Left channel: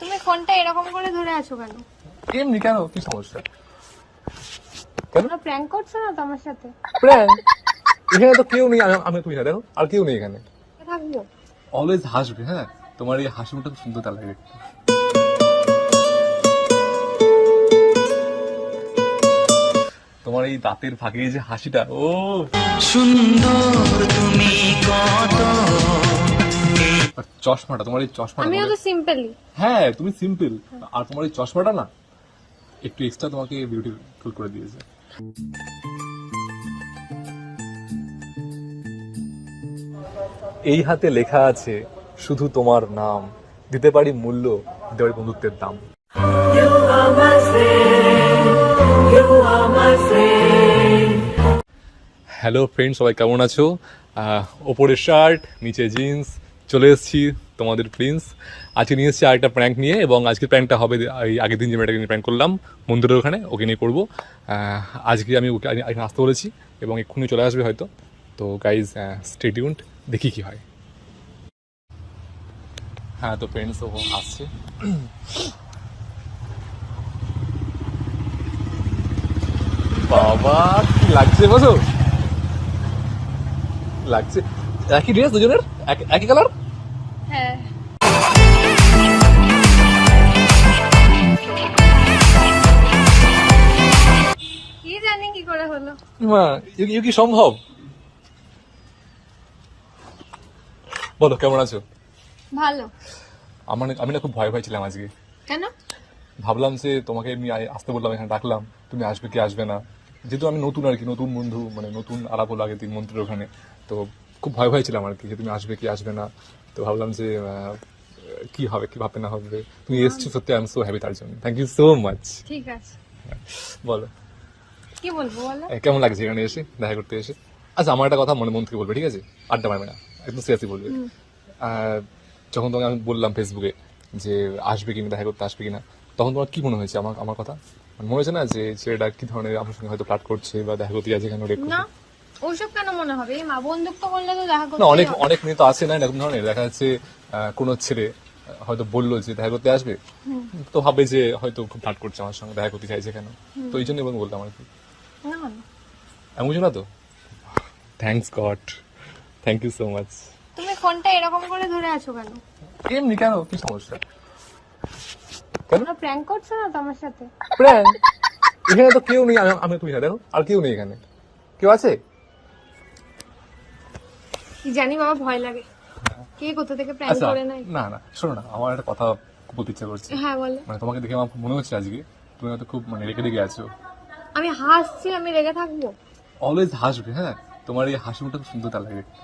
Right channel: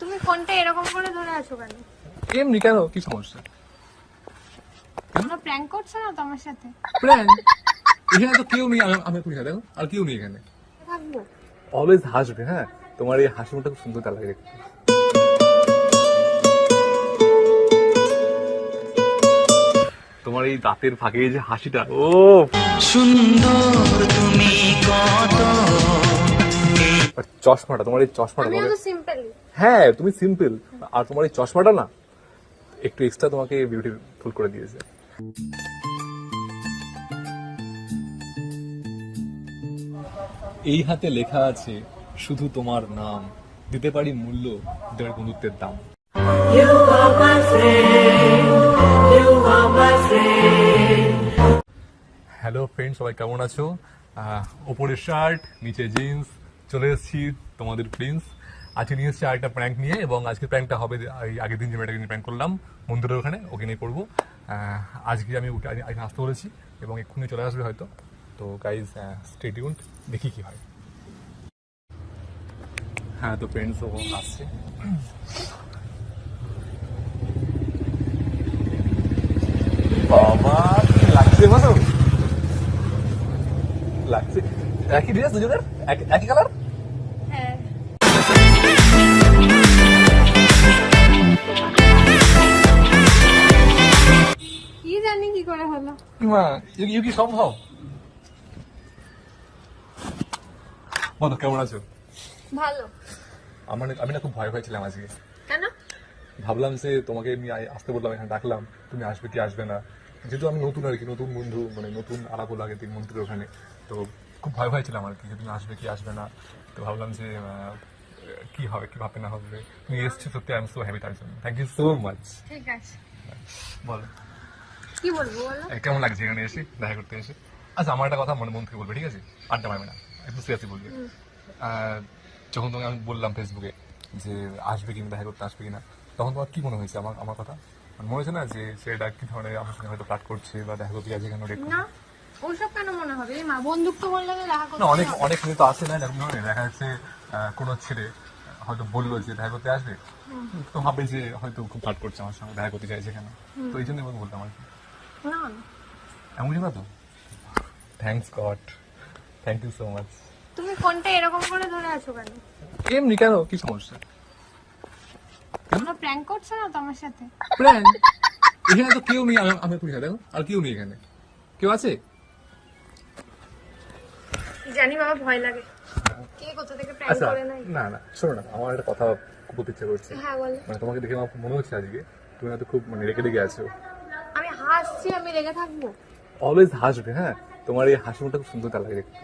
তুমি ফোনটা এরকম করে ধরে আছো কেন? এমনি কেন, কি সমস্যা? কেন তোমরা প্র্যাঙ্ক করছো না তো আমার সাথে? প্র্যাঙ্ক? এখানে তো কেউ নেই, আমি তুমি দেখো আর কেউ নেই এখানে। থাকবো। অলওয়েজ হাসবে, হ্যাঁ তোমার এই হাসি মুখটা খুব সুন্দর লাগে দেখতে। তোমার এই দাঁতের ফাঁকে এই যে হাসিটা, ও সুন্দর তুমি কত। আর চশমাটা, তোমার এই চশমাটা, আমি তোমাকে কিন্তু সিম্পলি। হ্যাঁ তুমি সিম্পল, আর তোমার এই চশমাটা না একটু এক্সট্রা তোমাকে বিউটিফুল করে দিয়েছে। এই হাতে লেখা আছে শুধু তোমার নাম, দিতে পারি মূল্য, দিতে পারি বন্ধুত্বের দাম। হ্যালো ফ্রেন্ড, সবাই কেমন আছো? ওপরে শার্ট, নিচে জিন্স, চলে এসেছি তোমাদের প্রিন্স। আজকে নিয়ে এসেছি আরেকটা প্র্যাঙ্ক নিয়ে, এবং আজকের প্র্যাঙ্কটা হবে এই আগের দিন যে মেয়েটাকে নিয়ে প্র্যাঙ্ক করলাম মন্দিরের ওখানে, ওকে নিয়ে করবো। আজকে আমি ওকে এখানে আসতে বলেছি এবং এক্ষুনি চলে আসবে হয়তো। তো গাইজ স্টে টিউনড, দেখি কি হয়। হ্যাঁ তো ফ্রেন্ডস, ও আসছে। বাবা কি লাগছে, বসো লাগছে। একই ড্রেস দুজনের, একই কালার। হ্যাঁ। কি জানি কি করে হলো। মা ইউ কি সম্ভব? বলো কেমন আছো? ভালো। আমি না খুব ভয় ভয় ছিলাম আজকে। কেন? ভাবলাম যে তোমাকে এমনি আসতে বললাম, এখানে ডাকলাম, তুমি আসবে কি আসবে না, যেহেতু আমি নতুন আর কি, নতুন বন্ধু, মানে নতুন আলাপ হলো আগের দিন মন্ত্রীর ওখানে। তো খুব ভয় ভয় ছিলাম আর কি, যে তুমি আসবে কি আসবে না। তো ভাবলাম যে কি হবে, কি ভাববে না ভাববে। তুমি এসছি সত্যি, আই এম সো হ্যাপি, তার জন্য থ্যাংক ইউ সো মাচ। ঠিক আছে। বলো কি বলবো বলো? কেমন লাগছে এখানে এসে, দেখা করতে এসে? আচ্ছা আমার একটা কথা মন থেকে বলবে, ঠিক আছে? আড্ডা মারবে না, একদম সিরিয়াসলি বলবে। যখন তোমাকে আমি বললাম ফেসবুকে যে আসবে কিনা, দেখা করতে আসবে কিনা, তখন তোমার কি মনে হয়েছে আমার কথা? মনে হয়েছে না যে ছেলেটা কি ধরনের আমার সঙ্গে হয়তো ফ্লার্ট করছে বা দেখা করতে যাচ্ছে কেন? না, ওইসব কেন মনে হবে? এই মা বন্ধুত্ব বললে তো দেখা করতে না, অনেক হবে। অনেক মেয়ে তো আছে না এরকম ধরনের, দেখা যাচ্ছে কোনো ছেলে হয়তো বললো যে দেখা করতে আসবে, তো ভাবে যে হয়তো খুব ফ্লার্ট করছে আমার সঙ্গে, দেখা করতে চাইছে কেন। তো এই জন্যই বললাম আর কি। না না। এমন কিছু না তো? Thanks god, thank you so much. তুমি ফোনটা এরকম করে ধরে আছো কেন? এমনি কেন, কি সমস্যা? কেন তোমরা প্র্যাঙ্ক করছো না তো আমার সাথে? প্র্যাঙ্ক? এখানে তো কেউ নেই, আমি তুমি দেখো আর কেউ নেই এখানে। কেউ আছে? কি জানি, আমার ভয় লাগে। কে কোথা থেকে প্র্যাঙ্ক আচ্ছা করে নাই? না না, শোনো না, আমার একটা কথা বলতে ইচ্ছা করছে। হ্যাঁ বলো। মানে তোমাকে দেখে আমার খুব মনে হচ্ছে আজকে তুমি হয়তো খুব মানে রেগে রেগে আছো। আমি হাসছি, আমি রেগে থাকবো? অলওয়েজ হাসবে, হ্যাঁ তোমার এই হাসি মুখটা খুব সুন্দর লাগে দেখতে।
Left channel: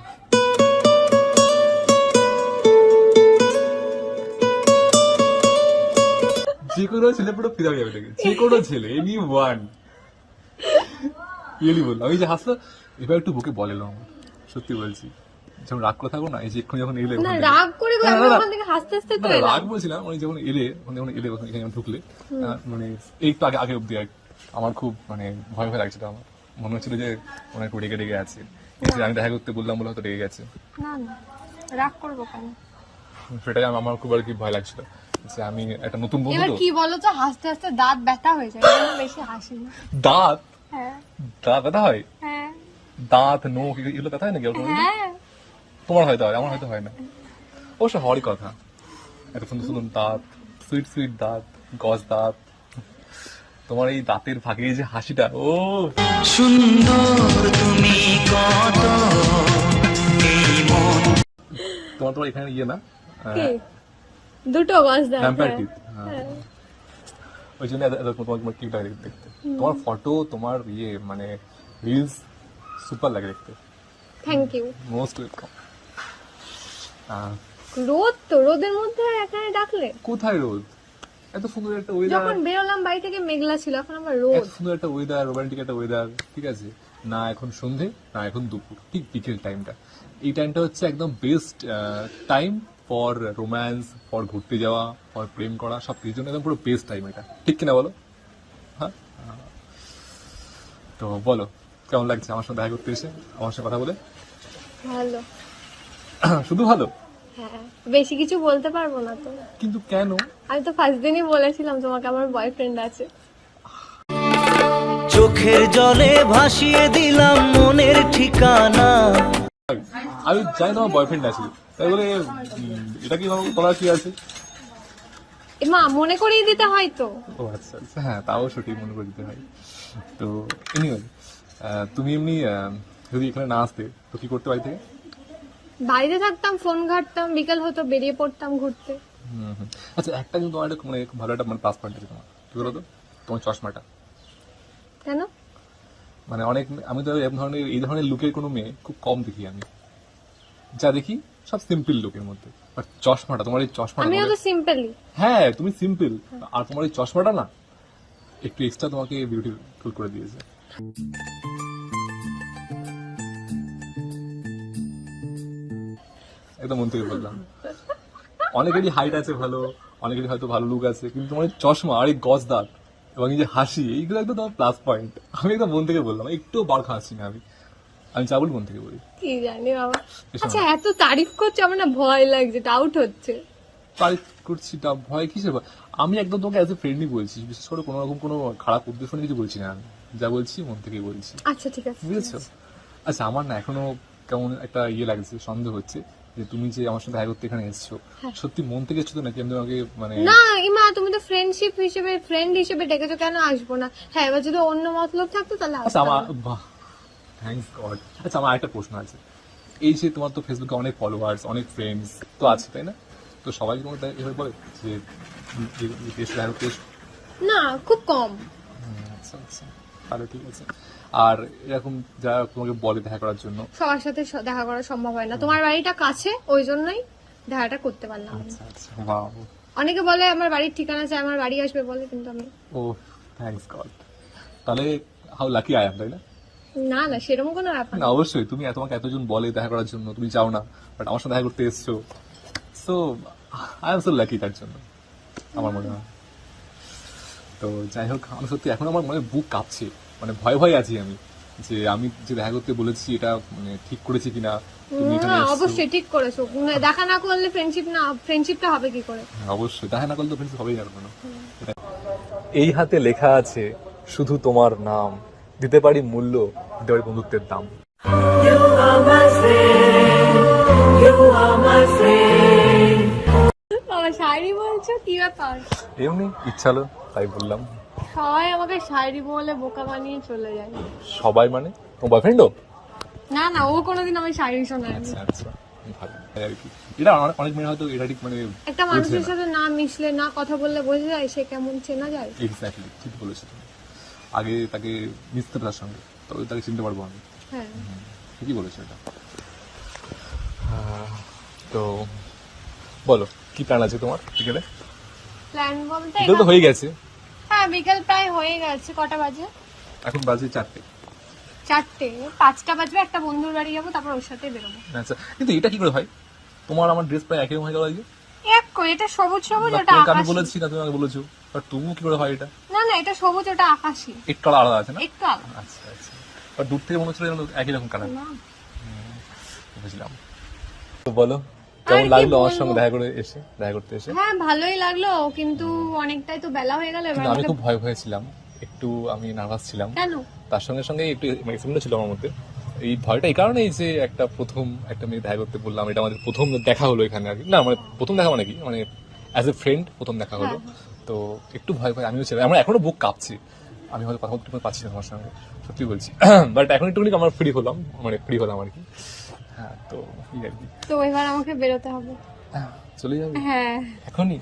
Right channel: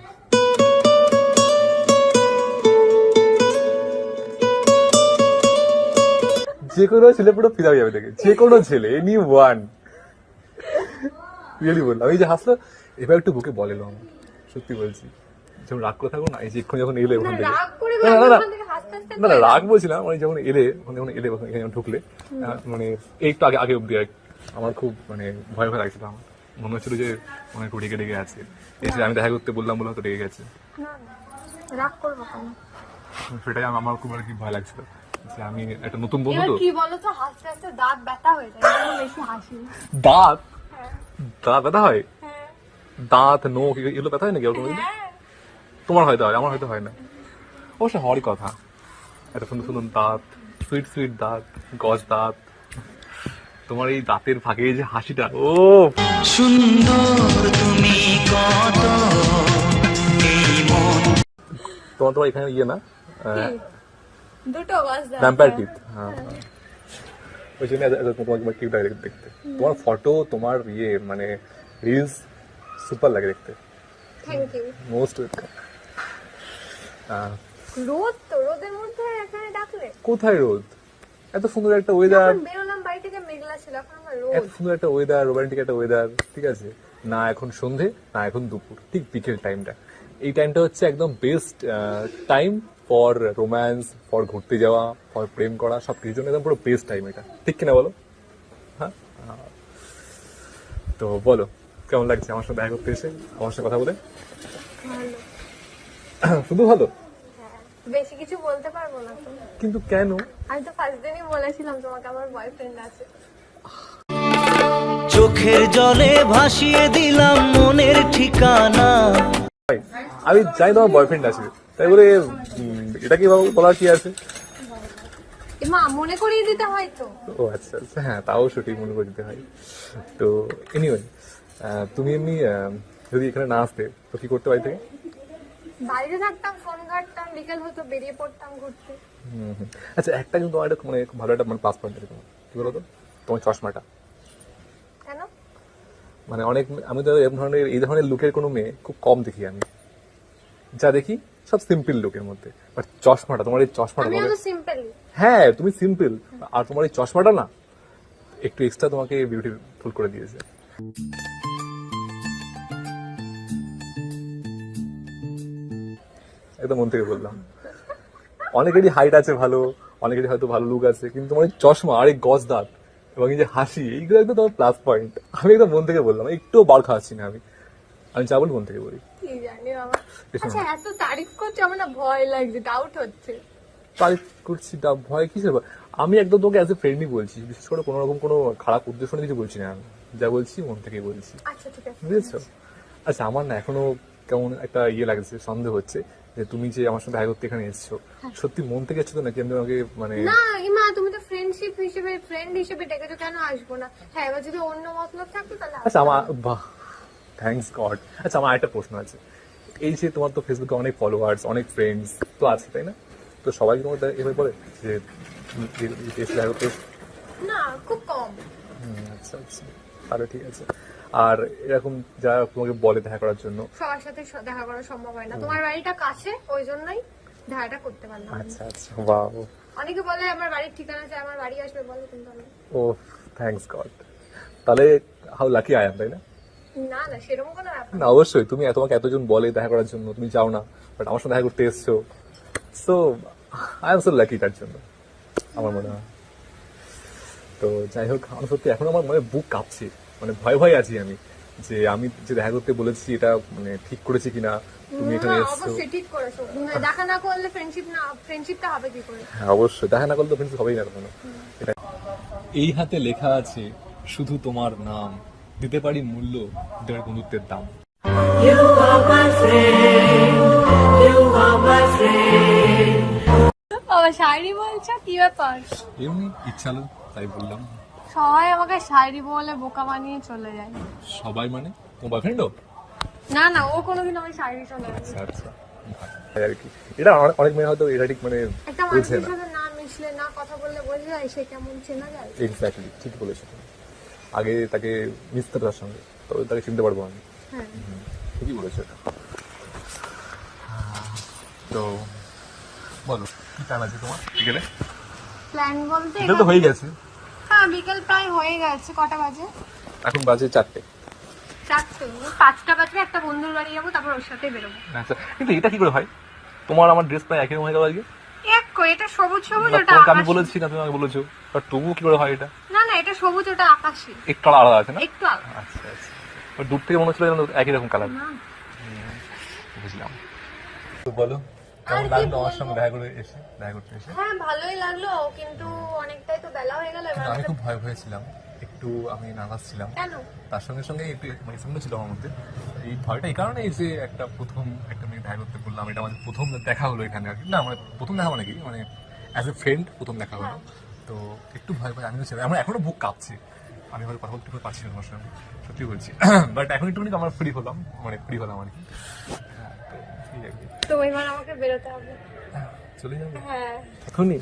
যে কোনো ছেলে পুরো ফিদা হয়ে যাবে দেখে, যে কোনো ছেলে, এনি ওয়ান। রিয়েলি বললাম, এই যে হাসলো এবার একটু বুকে বলেলো আমার, সত্যি বলছি। যখন রাগ করে থাকো না, এই যে এক্ষুনি যখন এলে না, ওখান থেকে, রাগ করে না, না, না, ওখান থেকে হাসতে হাসতে না না রাগ বলছিলাম, মানে যখন এলে ওখানে, যখন এলে ওখানে এখানে ঢুকলে, মানে এই তো আগে আগে অব্দি আমার খুব মানে ভয় ভয় লাগছিল। আমার মনে হচ্ছিল যে মনে একটু রেগে রেগে আছে, এই যে আমি দেখা করতে বললাম বলে হয়তো রেগে গেছে। না না, রাগ করবো কেন? সেটাই আমার খুব আর কি ভয় লাগছিল, যে আমি একটা নতুন বন্ধু এবার তো। কি বলো তো, হাসতে হাসতে দাঁত ব্যথা হয়ে যায়, এই জন্য বেশি হাসি। দাঁত? হ্যাঁ দাঁত ব্যথা হয়? হ্যাঁ দাঁত, নখ এগুলো ব্যথা হয় নাকি ওরকম? হ্যাঁ। তোমার হয়তো হয়, আমার হয়তো হয় না। অবশ্য হওয়ারই কথা, একটা সুন্দর সুন্দর দাঁত, সুইট সুইট দাঁত, গজ দাঁত। তোমার এই দাঁতের ফাঁকে এই যে হাসিটা, ও সুন্দর তুমি কত। এই মন তোমার এখানে ইয়ে না, কি? দুটো বাস দাও। ভ্যাম্পায়ার টিথ, হ্যাঁ ওই জন্য তোমাকে কিউট লাগে দেখতে। তোমার ফটো, তোমার ইয়ে মানে রিলস সুপার লাগে দেখতে। Thank you. Most welcome. রোদ তো, রোদের মধ্যে এখানে ডাকলে? কোথায় রোদ? এত সুন্দর একটা ওয়েদার, যখন বেরোলাম বাড়ি থেকে মেঘলা ছিল, এখন আবার রোদ। এত সুন্দর একটা ওয়েদার, রোমান্টিক একটা ওয়েদার, ঠিক আছে? না এখন সন্ধে, না এখন দুপুর, ঠিক বিকেল টাইমটা। এই টাইমটা হচ্ছে একদম best time for romance, for ঘুরতে যাওয়া, ফর প্রেম করা, সব কিছুর জন্য একদম পুরো বেস্ট টাইম এটা, ঠিক কিনা বলো? হ্যাঁ তো বলো কেমন লাগছে আমার সাথে দেখা করতে এসে, আমার সাথে কথা বলে? ভালো। শুধু ভালো? হ্যাঁ, বেশি কিছু বলতে পারবো না তো। কিন্তু কেন? আমি তো ফার্স্ট দিনই বলেছিলাম তোমাকে আমার বয়ফ্রেন্ড আছে। চোখের জলে ভাসিয়ে দিলাম মনের ঠিকানা। ভাই, আমি জানি তোমার বয়ফ্রেন্ড আছে, তাই বলে এটা কি বলার কি আছে? মা মনে করিয়ে দিতে হয় তো। ও আচ্ছা আচ্ছা, হ্যাঁ তাও সঠিক মনে করে দিতে হয়। তো এনিওয়ে, তুমি এমনি যদি এখানে না আসতে তো কি করতে বাড়ি থেকে? বাড়িতে থাকতাম, ফোন ঘাটতাম, বিকেল হতো বেরিয়ে পড়তাম ঘুরতে। আচ্ছা, একটা কিন্তু তোমার একটা মানে খুব ভালো একটা মানে প্লাস পয়েন্ট আছে তোমার, কি বলো তো? তোমার চশমাটা। কেন? মানে অনেক, আমি তো এই ধরনের লুকের কোনো মেয়ে খুব কম দেখি আমি, যা দেখি সব সিম্পল লুকের মধ্যে, বাট চশমাটা, তোমার এই চশমাটা আমি তোমাকে, সিম্পলি। হ্যাঁ তুমি সিম্পল, আর তোমার এই চশমাটা না একটু এক্সট্রা তোমাকে বিউটিফুল করে দিয়েছে। একদম মন থেকে বললাম। অনেকেরই হাইট আছে ভালো, অনেকেরই হয়তো ভালো লুক আছে, কিন্তু তোমার এই চশমা আর এই গজ দাঁত এবং এই যে হাসি, এইগুলো একদম তোমার প্লাস পয়েন্ট। আমি একদম মন থেকে বললাম, একটু বার খাওয়াচ্ছি না আমি, আমি যা বলি মন থেকে বলি। কি জানি বাবা। এসো আচ্ছা, এত তারিফ করছো, আমার না ভয় লাগছে, ডাউট হচ্ছে। তারিফ করছি, তা ভয় কিসের ভয়? আমি একদম তোমাকে অ্যাজ এ ফ্রেন্ডই বলছি, বিশেষ করে কোনো রকম কোনো খারাপ উদ্দেশ্য নিয়ে কিছু বলছি না, আমি যা বলছি মন থেকেই বলছি, আচ্ছা ঠিক আছে। বুঝেছো? আচ্ছা, আমার না এখনো কেমন একটা ইয়ে লাগছে, সন্দেহ হচ্ছে যে তুমি যে আমার সাথে দেখা করতে এখানে এসেছো, সত্যি মন থেকে এসছো তো নাকি আমি তোমাকে মানে? না ইমা, তুমি তো ফ্রেন্ড হিসেবে ডেকেছো, কেন আসবো না? হ্যাঁ, এবার যদি অন্য মতলব থাকতো তাহলে আচ্ছা আমার, বাহ, থ্যাঙ্কস গড। আচ্ছা, আমার একটা প্রশ্ন আছে, এই যে তোমার তো ফেসবুকে অনেক ফলোয়ার্স, অনেক ফ্রেন্ডস তো আছে, তাই না? তো সবাই তোমাকে এভাবে বলে যে এসে দেখা করতে এসো? না, খুব কম। আচ্ছা আচ্ছা, তাহলে ঠিক আছে। আর এরকম যারা তোমাকে বলে দেখা করার জন্য? সবার সাথে দেখা করা সম্ভব হয় না, তোমার বাড়িটা কাছে, ওই জন্যই দেখাটা করতে পারলাম না। আচ্ছা আচ্ছা, বাহ। অনেকে বলে আমার বাড়ির ঠিকানা চাই, আমার বাড়ি আসবে বলে, কিন্তু আমি ও, থ্যাঙ্কস গড। তাহলে হাউ লাকি আই এম, তাই না? না না, সেরকম কোনো ব্যাপার না, অবশ্যই তুমি তোমাকে এতজন বলে দেখা করার জন্য, তুমি যাও না, বাট আমার সাথে দেখা করতে এসছো, so I am so lucky তার জন্য, আমার মনে হয়। তো যাই হোক, আমি সত্যি এখন আমার মানে বুক কাঁপছে, মানে ভয় ভয় আছি আমি, যে আমি যে দেখা করতে বলেছি এটা মানে ঠিক করেছি কিনা, তুমি এখানে না, এসছো। অবশ্যই ঠিক করেছো। দেখা না করলে ফ্রেন্ডশিপটা হবে কি করে? হ্যাঁ অবশ্যই, দেখা না করলে তো ফ্রেন্ডস হবেই না তখন। এই হাতে লেখা আছে শুধু তোমার নাম, দিতে পারি মূল্য, দিতে পারি বন্ধুত্বের দাম। বাবা, শায়রি বলছো, কি ব্যাপার? এমনি ইচ্ছা হলো তাই বললাম। সবাই আমাকে শায়রি বলে বোকা বানিয়ে চলে যায়। সবাই মানে তোমার বয়ফ্রেন্ডও? না না, ও কোনোদিন আমি শায়রি শোনায়নি। আচ্ছা আচ্ছা, তাই আর কি। এটা অনেক মেয়ে হয়তো এটা ঠিক মানে একটা বুঝে মানুষের না। সাথে না মিশলে, না কথা বললে বোঝা যায় সে কেমন, চেনা যায়। এক্স্যাক্টলি, ঠিক বলেছো তুমি। আগে তাকে মিশতে হবে তার সঙ্গে, তবে তাকে চিনতে পারবো আমি। হ্যাঁ। ঠিকই বলেছো এটা। তো বলো, কি প্ল্যান আছে তোমার বিকেলে? প্ল্যান বলতে বিকেল তো হয়ে গেছে। হ্যাঁ, বিকেল প্রায় হয়ে গেছে। কটা বাজে? এখন বাজে 4টে। 4টে, 5টা বাজবে, একটা বন্ধুর বাড়ি যাবো, তারপর ওর সাথে বেরোবো। আচ্ছা, কিন্তু এটা কি করে হয়? তোমার আমার ড্রেস প্রায় একই রকম হয়ে গেল আজকে। এক কই, এটা সবুজ সবুজ, না, ওটা তোমাকে আমি আকাশি। বলেছি না, তুমি আমাকে বলেছো, বাট তবুও কি করে হয় এটা? না না, এটা সবুজ, ওটা আকাশি। একটু আলাদা আছে না? একটু আলাদা। আচ্ছা আচ্ছা, আর দূর থেকে মনে হচ্ছিল যেন একই রকম কালার। না। বুঝলাম। তো বলো, আর কেমন কি লাগলো আমার বলবো? সঙ্গে দেখা করতে এসে? হ্যাঁ, ভালোই লাগলো, কিন্তু অনেকটাই তো বেলা হয়ে গেল। এবার কিন্তু আমি আমাকে- খুব ভয় ছিলাম, একটু আমি নার্ভাস ছিলাম, কেন? তার সঙ্গে সঙ্গে একটু এক্সাইটমেন্ট ছিল আমার মধ্যে। এই ভয়টা এই কারণে যে প্রথম একটা মেয়ে দেখা করতে বললাম, এটা আমাদের প্রথম দেখা হলো এখানে আর কি। না মানে প্রথম দেখা মানে কি, মানে অ্যাজ এ ফ্রেন্ড প্রথম দেখা হলো। তো একটু ভয় আমিও ছিলাম, আমার এখনো বুক কাঁপছি, আমি হয়তো কথা বলতে পারছি না তোমার সঙ্গে, সত্যি বলছি। বাট এখন একটু আমরা ফ্রি হলাম আর কি। হ্যাঁ, তো ঠিক আর কি। তো এবার আমাকে বেরোতে হবে। চলে যাবে হ্যাঁ। এখনই?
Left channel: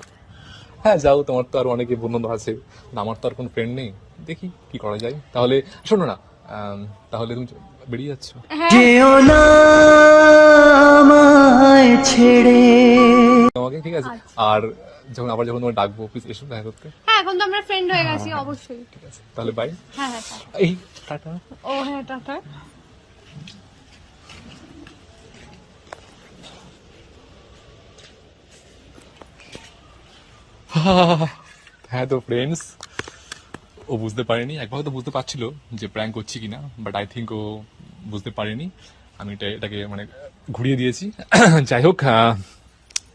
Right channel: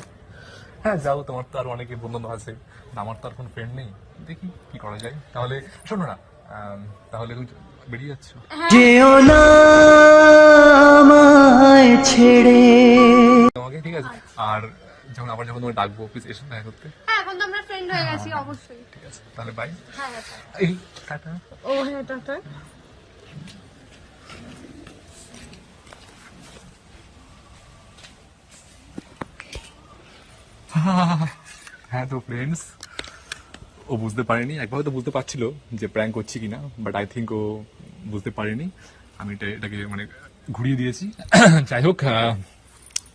হ্যাঁ যাও, তোমার তো আর অনেকে বন্ধু আছে, না আমার তো আর কোনো ফ্রেন্ড নেই, দেখি কি করা যায়। তাহলে শোনো না, তাহলে তুমি বেরিয়ে যাচ্ছ? যেও না আমায় ছেড়ে। তোমাকে ঠিক আছে, আর যখন তোমার ডাকবো অফিস এসে দেখা করতে। হ্যাঁ, এখন তো আমরা ফ্রেন্ড হয়ে গেছি, অবশ্যই। ঠিক আছে, তাহলে বাই। হ্যাঁ হ্যাঁ, টাটা। এই টাটা। ও হ্যাঁ, টাটা। হ্যাঁ, তো ফ্রেন্ডস, ও বুঝতে পারেনি, একবার হয়তো বুঝতে পারছিল যে প্র্যাঙ্ক করছি কিনা, বাট আই থিঙ্ক ও বুঝতে পারেনি। আমি এটাকে মানে ঘুরিয়ে দিয়েছি। যাই হোক,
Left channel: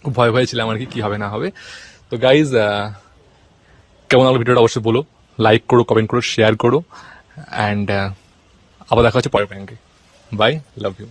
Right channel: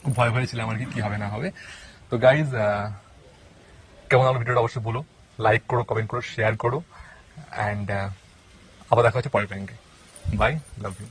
খুব ভয় ছিলাম আর কি হবে না হবে। তো গাইজ কেমন লাগলো ভিডিওটা অবশ্যই বলো, লাইক করো, কমেন্ট করো, শেয়ার করো, অ্যান্ড আবার দেখা হচ্ছে পরের প্র্যাঙ্কে। By, love you.